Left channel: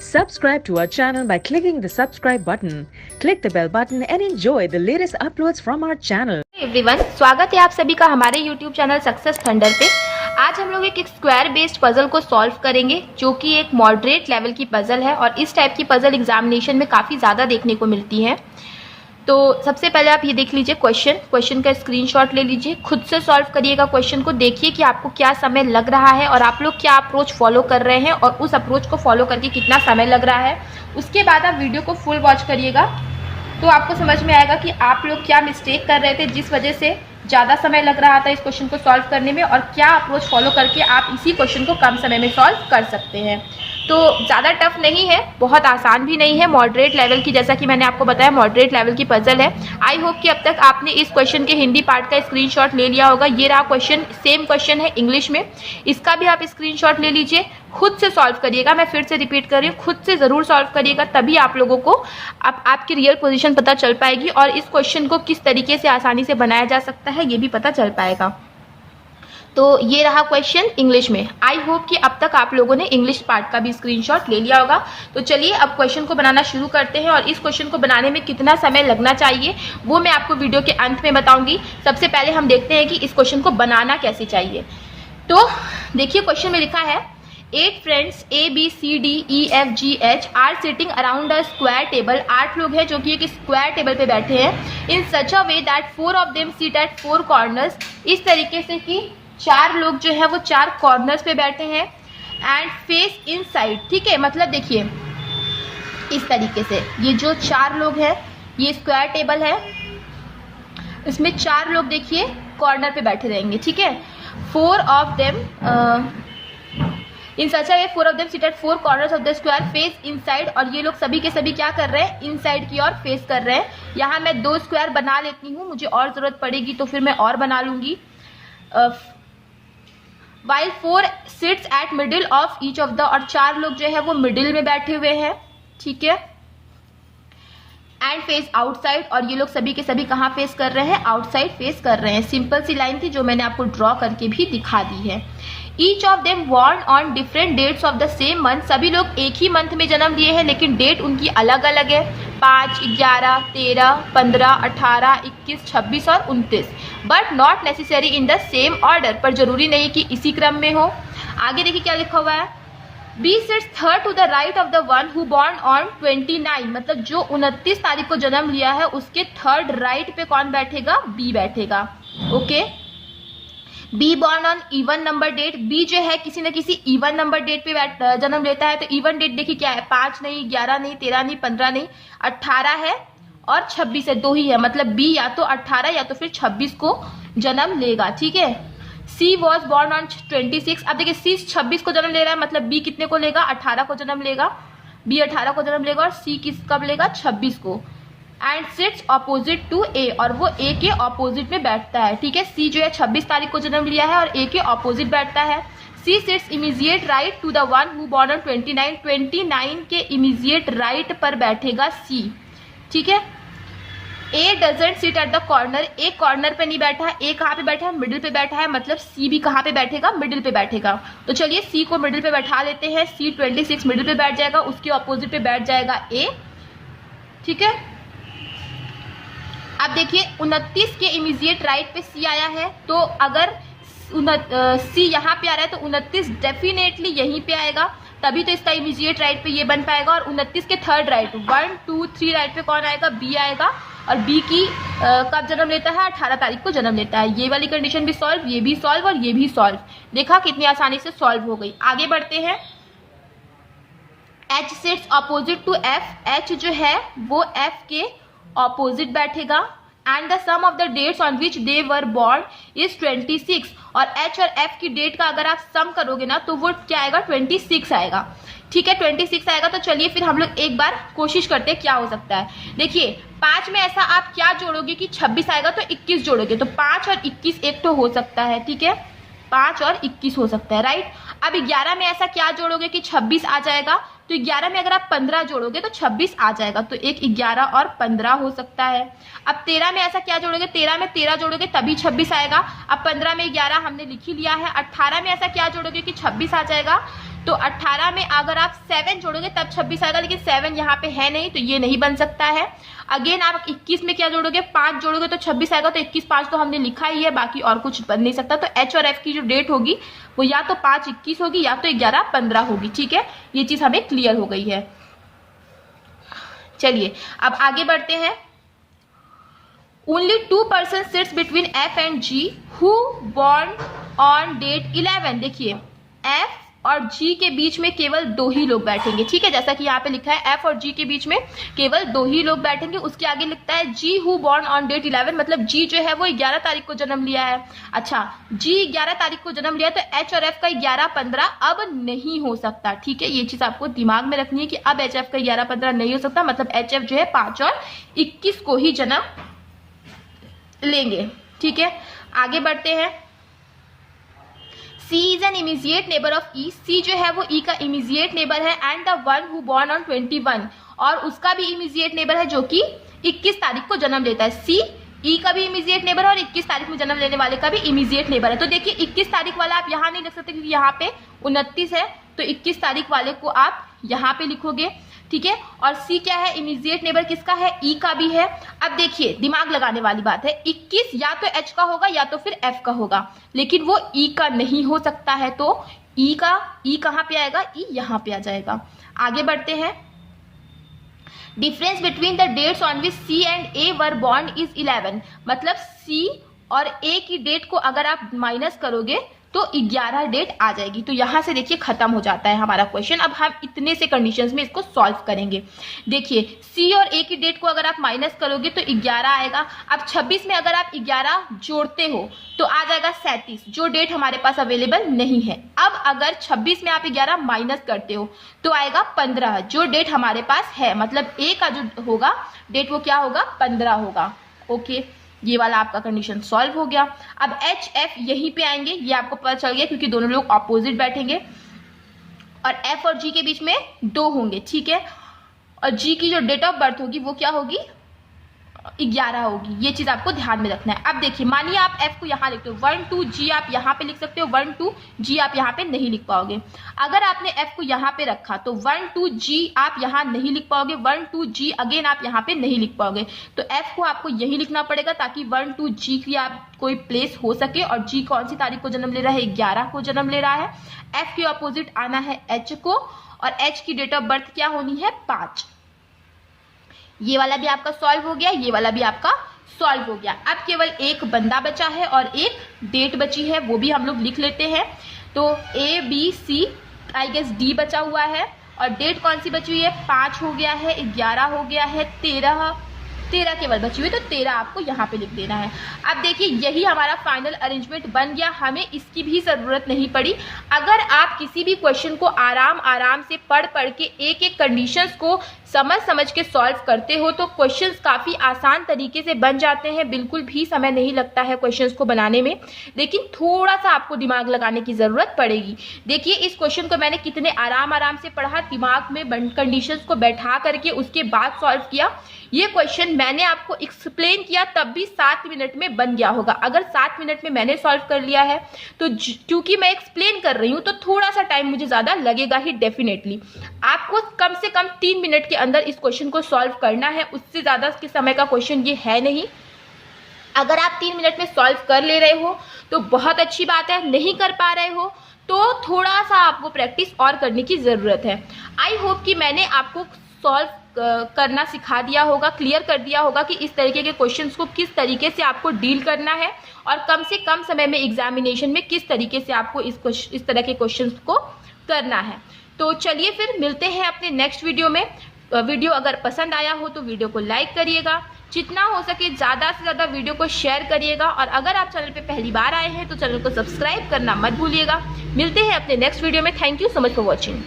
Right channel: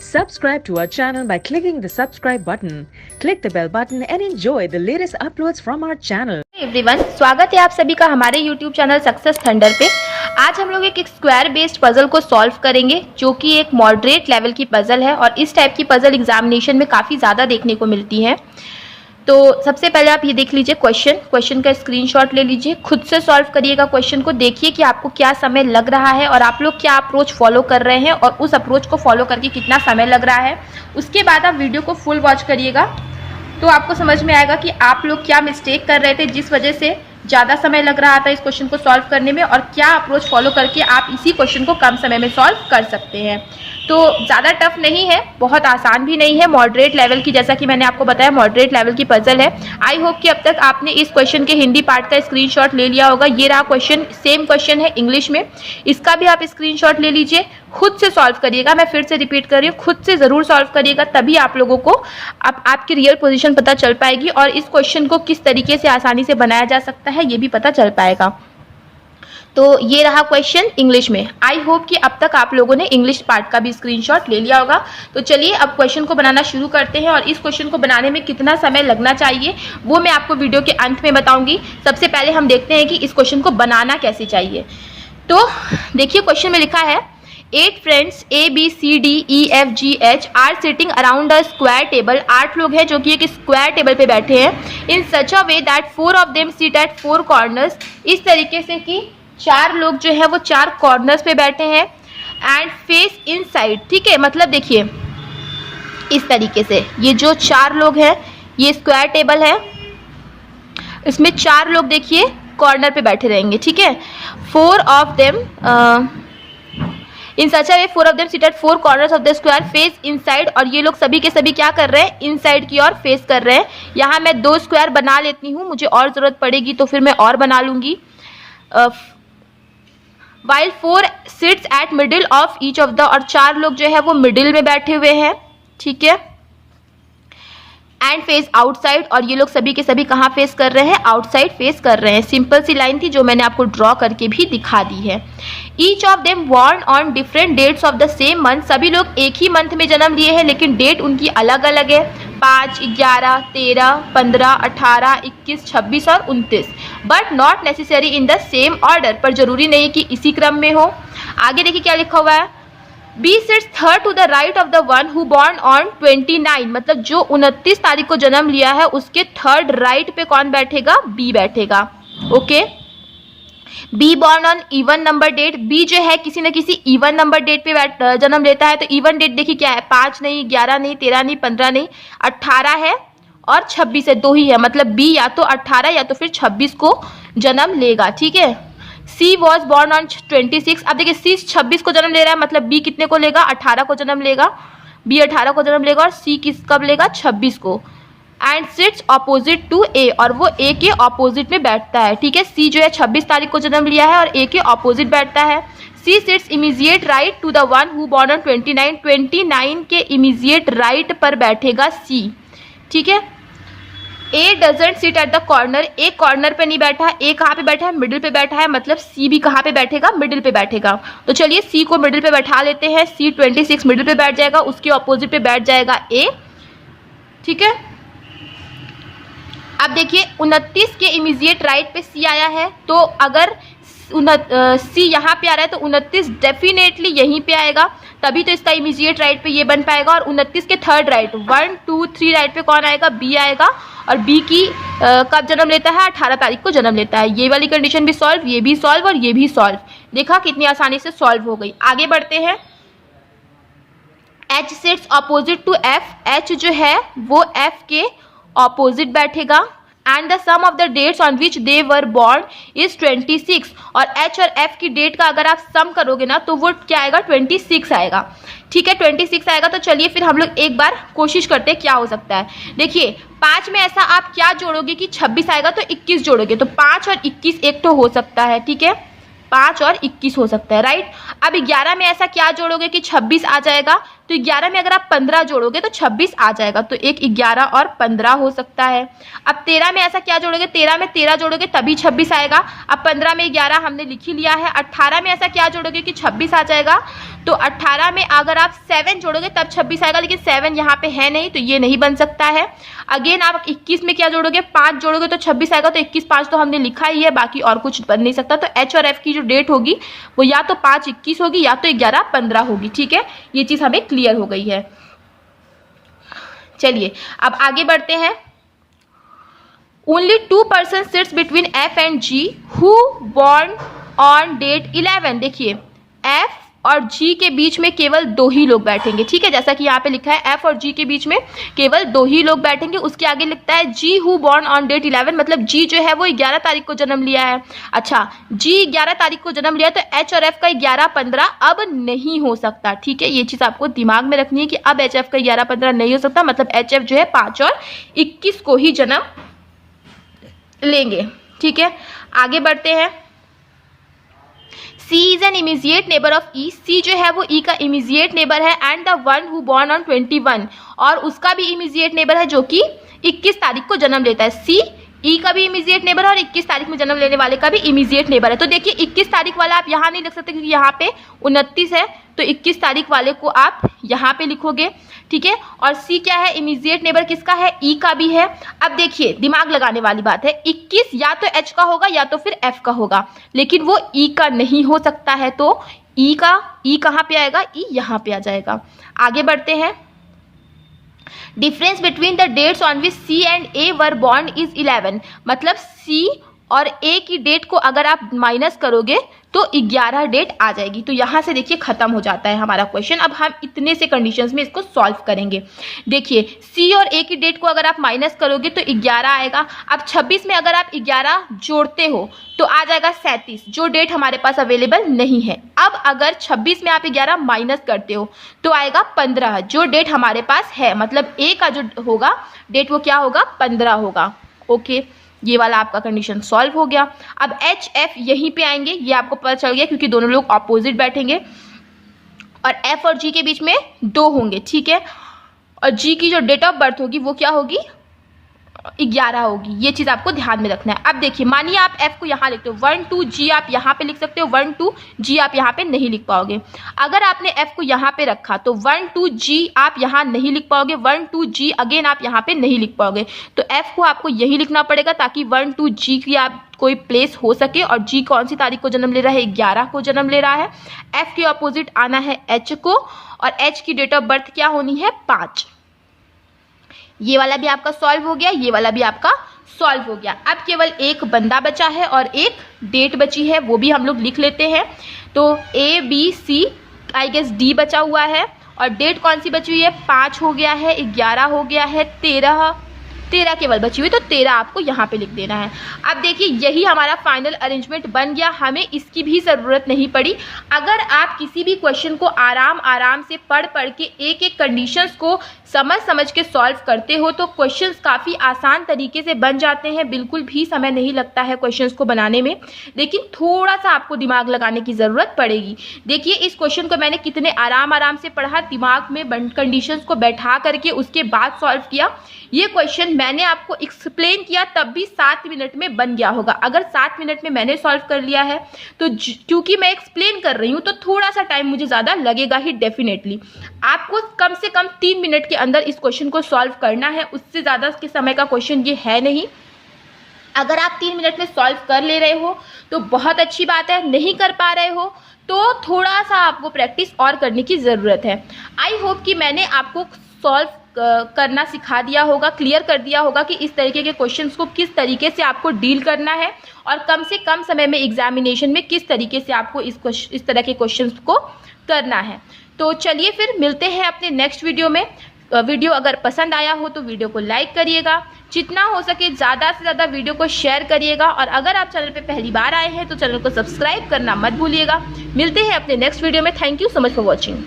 Subscribe to our channel by clicking the subscribe button. Click the bell button and enjoy the latest uploads from our channel. Everyone, स्वागत है आप सभी का हमारे YouTube channel success thunder पे। आज हम लोग एक स्क्वायर बेस्ड पजल को सॉल्व करेंगे जो कि एक मॉडरेट लेवल की पजल है और इस टाइप की पजल एग्जामिनेशन में काफ़ी ज़्यादा देखने को मिलती है। तो सबसे पहले आप ये देख लीजिए क्वेश्चन का स्क्रीनशॉट ले लीजिए, खुद से सॉल्व करिएगा क्वेश्चन को, देखिए कि आपको क्या समय लग रहा है और आप लोग क्या अप्रोच फॉलो कर रहे हैं और उस अप्रोच को फॉलो करके कितना समय लग रहा है। उसके बाद आप वीडियो को फुल वॉच करिएगा तो आपको समझ में आएगा कि आप लोग क्या मिस्टेक कर रहे थे जिस वजह से ज़्यादा समय लग रहा था इस क्वेश्चन को सॉल्व करने में, और क्या अप्रोच फॉलो करके आप इसी क्वेश्चन को कम समय में सॉल्व कर सकते हैं। तो ज़्यादा टफ नहीं है, बहुत आसान भी नहीं है, मॉडरेट लेवल की, जैसा कि मैंने आपको बताया मॉडरेट लेवल की पजल है। आई होप कि अब तक आपने इस क्वेश्चन के हिंदी पार्ट का स्क्रीनशॉट ले लिया होगा। ये रहा क्वेश्चन, सेम क्वेश्चन है इंग्लिश में, इसका भी आप स्क्रीनशॉट ले लीजिए, खुद से सॉल्व करिएगा। मैं फिर से रिपीट कर रही हूँ, खुद से ज़रूर सॉल्व करिएगा, तभी आप लोगों को आपकी रियल पोजीशन पता चल पाएगी और इस क्वेश्चन को किस तरीके से आसानी से बनाया जा सकता है ये भी पता चल पाएगा। तो ये रहा क्वेश्चन इंग्लिश में। आई होप कि अब तक आप लोगों ने इंग्लिश पार्ट का भी स्क्रीनशॉट ले लिया होगा। तो चलिए अब क्वेश्चन को बनाना शुरू करते हैं और इस क्वेश्चन को बनाने में कितना समय लगना चाहिए वो मैं आपको वीडियो के अंत में बताऊंगी। सबसे पहले हम देखते हैं कि इस क्वेश्चन को बनाना कैसे चाहिए। तो देखिए क्वेश्चन में लिखा है 8 friends A B C D E F G H are sitting around a square table। 8 लोग हैं जो कि एक स्क्वायर टेबल पे बैठे हैं। In such a way that 4 of them sit at 4 corners। इस तरीके से कि 4 लोग जो है वो 4 कॉर्नर्स पे बैठे हैं। एंड फेस इनसाइड, ठीक है, मतलब देखिए इस तरीके से ये जो 4 लोग हैं, ये स्क्वायर टेबल है, इसमें 4 लोग देखिए कॉर्नर पे बैठे रहेंगे, ठीक है। 4 of them in such way 4 of them sit at 4 corners of the square face inside। और ये लोग सभी के सभी क्या कर रहे हैं, इनसाइड की ओर फेस कर रहे हैं। यहाँ मैं 2 स्क्वायर बना लेती हूँ, मुझे और ज़रूरत पड़ेगी तो फिर मैं और बना लूँगी। While 4 sits at middle of each of the, और 4 लोग जो है वो मिडिल में बैठे हुए हैं, ठीक है। एंड फेस आउटसाइड, और ये लोग सभी के सभी कहाँ फेस कर रहे हैं, आउटसाइड फेस कर रहे हैं। सिंपल सी लाइन थी जो मैंने आपको ड्रॉ करके भी दिखा दी है। Each of them born on different dates of the same month. सभी लोग एक ही मंथ में जन्म लिए हैं लेकिन डेट उनकी अलग अलग है, 5, 11, 13, 15, 18, 21, 26 और 29। But not necessary in the same order, पर जरूरी नहीं कि इसी क्रम में हो। आगे देखिए क्या लिखा हुआ है, B sits third to the right of the one who born on 29। मतलब जो 29 तारीख को जन्म लिया है उसके थर्ड राइट पे कौन बैठेगा, बी बैठेगा। Okay, B born on even number date, B जो है किसी न किसी इवन नंबर डेट पे जन्म लेता है। तो इवन डेट देखिए क्या है, 5 नहीं, 11 नहीं, 13 नहीं, 15 नहीं, 18 है और 26 है, 2 ही है। मतलब बी या तो 18 या तो फिर 26 को जन्म लेगा, ठीक है। सी वॉज बॉर्न ऑन 26। अब देखिए सी 26 को जन्म ले रहा है, मतलब बी कितने को लेगा, 18 को जन्म लेगा। बी 18 को जन्म लेगा और सी किस कब लेगा, 26 को। एंड सिट्स ऑपोजिट टू ए, और वो ए के ऑपोजिट में बैठता है, ठीक है। सी जो है 26 तारीख को जन्म लिया है और ए के ऑपोजिट बैठता है। C sits immediate right to the one who born on 29। 29 के इमीजिएट राइट पर बैठेगा सी, ठीक है। A doesn't sit at the corner, A corner पे नहीं बैठा, ए कहाँ पे बैठा है, मिडिल पे बैठा है, मतलब सी भी कहाँ पे बैठेगा, मिडिल पे बैठेगा। तो चलिए सी को मिडिल पे बैठा लेते हैं। सी 26 मिडिल पे बैठ जाएगा, उसके ऑपोजिट पे बैठ जाएगा ए, ठीक है। अब देखिए 29 के इमीजिएट राइट पे सी आया है, तो अगर सी यहाँ पे आ रहा है तो 29 डेफिनेटली यहीं पे आएगा, तभी तो इसका इमीजिएट राइट पे ये बन पाएगा। और 29 के थर्ड राइट 1, 2, 3 राइट पे कौन आएगा, बी आएगा। और बी की कब जन्म लेता है, 18 तारीख को जन्म लेता है। ये वाली कंडीशन भी सॉल्व, ये भी सॉल्व और ये भी सॉल्व। देखा कितनी आसानी से सॉल्व हो गई। आगे बढ़ते हैं। H sits opposite to F, H जो है वो एफ के ऑपोजिट बैठेगा। And the sum of the dates on which they were born is 26। और एच और एफ की डेट का अगर आप सम करोगे ना तो वो क्या आएगा, 26 आएगा, ठीक है। 26 आएगा। तो चलिए फिर हम लोग एक बार कोशिश करते हैं क्या हो सकता है। देखिए 5 में ऐसा आप क्या जोड़ोगे कि 26 आएगा तो 21 जोड़ोगे, तो 5 और 21 एक तो हो सकता है, ठीक है। 5 और 21 हो सकता है, राइट। अब 11 में ऐसा क्या जोड़ोगे कि 26 आ जाएगा, तो 11 में अगर आप 15 जोड़ोगे तो 26 आ जाएगा, तो एक 11 और 15 हो सकता है। अब 13 में ऐसा क्या जोड़ोगे, 13 में 13 जोड़ोगे तभी 26 आएगा। अब 15 में 11 हमने लिख ही लिया है। 18 में ऐसा क्या जोड़ोगे कि 26 आ जाएगा, तो 18 में अगर आप 7 जोड़ोगे तब 26 आएगा, लेकिन 7 यहाँ पे है नहीं तो ये नहीं बन सकता है। अगेन आप 21 में क्या जोड़ोगे, 5 जोड़ोगे तो 26 आएगा, तो 21 5 तो हमने लिखा ही है, बाकी और कुछ बन नहीं सकता। तो एच और एफ की जो डेट होगी वो या तो 5 21 होगी या तो 11 15 होगी। ठीक है, ये चीज हमें क्लियर हो गई है। चलिए अब आगे बढ़ते हैं। Only 2 persons sits between F and G who born on date 11। देखिए F और G के बीच में केवल 2 ही लोग बैठेंगे। ठीक है, जैसा कि यहाँ पे लिखा है F और G के बीच में केवल 2 ही लोग बैठेंगे। उसके आगे लिखता है G who born on date 11, मतलब G जो है वो 11 तारीख को जन्म लिया है। अच्छा, G 11 तारीख को जन्म लिया तो H और F का 11 15 अब नहीं हो सकता। ठीक है, ये चीज आपको दिमाग में रखनी है कि अब H F का 11 15 नहीं हो सकता, मतलब H F जो है 5 और 21 को ही जन्म लेंगे। ठीक है, आगे बढ़ते हैं। C is an immediate neighbor of E। C जो है वो E का immediate neighbor है and the one who born on 21, और उसका भी immediate neighbor है जो कि 21 तारीख को जन्म लेता है। C E का भी इमीजिएट नेबर है और 21 तारीख में जन्म लेने वाले का भी इमीजिएट नेबर है। तो देखिए 21 तारीख वाला आप यहाँ नहीं लिख सकते क्योंकि यहाँ पे 29 है, तो 21 तारीख वाले को आप यहाँ पे लिखोगे। ठीक है, और सी क्या है, इमीजिएट नेबर किसका है, ई का भी है। अब देखिए दिमाग लगाने वाली बात है, 21 या तो एच का होगा या तो फिर एफ का होगा, लेकिन वो ई का नहीं हो सकता है, तो ई कहाँ पे आएगा, ई यहाँ पे आ जाएगा। आगे बढ़ते हैं। Difference between the dates on which C and A were born is 11, मतलब सी और ए की डेट को अगर आप माइनस करोगे तो 11 डेट आ जाएगी। तो यहां से देखिए खत्म हो जाता है हमारा क्वेश्चन। अब हम इतने से कंडीशंस में इसको सॉल्व करेंगे। देखिए सी और ए की डेट को अगर आप माइनस करोगे तो 11 आएगा। अब 26 में अगर आप 11 जोड़ते हो तो आ जाएगा 37, जो डेट हमारे पास अवेलेबल नहीं है। अब अगर 26 में आप 11 माइनस करते हो तो आएगा 15, जो डेट हमारे पास है, मतलब ए का जो होगा डेट वो क्या होगा, 15 होगा। ओके, ये वाला आपका कंडीशन सॉल्व हो गया। अब एच एफ यहीं पे आएंगे, ये आपको पता चल गया क्योंकि दोनों लोग ऑपोजिट बैठेंगे और एफ और जी के बीच में 2 होंगे। ठीक है, और जी की जो डेट ऑफ बर्थ होगी वो क्या होगी, 11 होगी। ये चीज आपको ध्यान में रखना है। अब देखिए मानिए आप एफ को यहाँ लिखते हो, 1 2 जी आप यहाँ पे लिख सकते हो, 1 2 जी आप यहाँ पे नहीं लिख पाओगे। अगर आपने एफ को यहाँ पे रखा तो 1 2 जी आप यहाँ नहीं लिख पाओगे, 1 2 जी अगेन आप यहाँ पे नहीं लिख पाओगे। तो एफ को आपको यही लिखना पड़ेगा ताकि 1 2 जी की आप कोई प्लेस हो सके। और जी कौन सी तारीख को जन्म ले रहा है, 11 को जन्म ले रहा है। एफ के अपोजिट आना है एच को, और एच की डेट ऑफ बर्थ क्या होनी है, 5। ये वाला भी आपका सॉल्व हो गया, ये वाला भी आपका सॉल्व हो गया। अब केवल एक बंदा बचा है और एक डेट बची है, वो भी हम लोग लिख लेते हैं। तो A B C I guess D बचा हुआ है, और डेट कौन सी बची हुई है, 5 हो गया है, 11 हो गया है, 13 केवल बची हुई, तो 13 आपको यहाँ पे लिख देना है। अब देखिए यही हमारा फाइनल अरेंजमेंट बन गया, हमें इसकी भी जरूरत नहीं पड़ी। अगर आप किसी भी क्वेश्चन को आराम से पढ़ के एक एक कंडीशंस को समझ के सॉल्व करते हो तो क्वेश्चंस काफ़ी आसान तरीके से बन जाते हैं। बिल्कुल भी समय नहीं लगता है क्वेश्चंस को बनाने में, लेकिन थोड़ा सा आपको दिमाग लगाने की ज़रूरत पड़ेगी। देखिए इस क्वेश्चन को मैंने कितने आराम से पढ़ा, दिमाग में कंडीशंस को बैठा करके उसके बाद सॉल्व किया। ये क्वेश्चन मैंने आपको एक्सप्लेन किया तब भी 7 मिनट में बन गया होगा। अगर 7 मिनट में मैंने सॉल्व कर लिया है तो क्योंकि मैं एक्सप्लेन कर रही हूँ तो थोड़ा सा टाइम मुझे ज़्यादा लगेगा ही डेफिनेटली। आपको कम से कम 3 मिनट के अंदर इस क्वेश्चन को सॉल्व करना है, उससे ज़्यादा के समय का क्वेश्चन ये है नहीं। अगर आप 3 मिनट में सॉल्व कर ले रहे हो तो बहुत अच्छी बात है, नहीं कर पा रहे हो तो थोड़ा सा आपको प्रैक्टिस और करने की ज़रूरत है। आई होप कि मैंने आपको सॉल्व करना सिखा दिया होगा, क्लियर कर दिया होगा कि इस तरीके के क्वेश्चंस को किस तरीके से आपको डील करना है और कम से कम समय में एग्जामिनेशन में किस तरीके से आपको इस तरह के क्वेश्चंस को करना है। तो चलिए फिर मिलते हैं अपने नेक्स्ट वीडियो में। वीडियो अगर पसंद आया हो तो वीडियो को लाइक करिएगा, जितना हो सके ज़्यादा से ज़्यादा वीडियो को शेयर करिएगा, और अगर आप चैनल पे पहली बार आए हैं तो चैनल को सब्सक्राइब करना मत भूलिएगा। मिलते हैं अपने नेक्स्ट वीडियो में। Thank you so much for watching.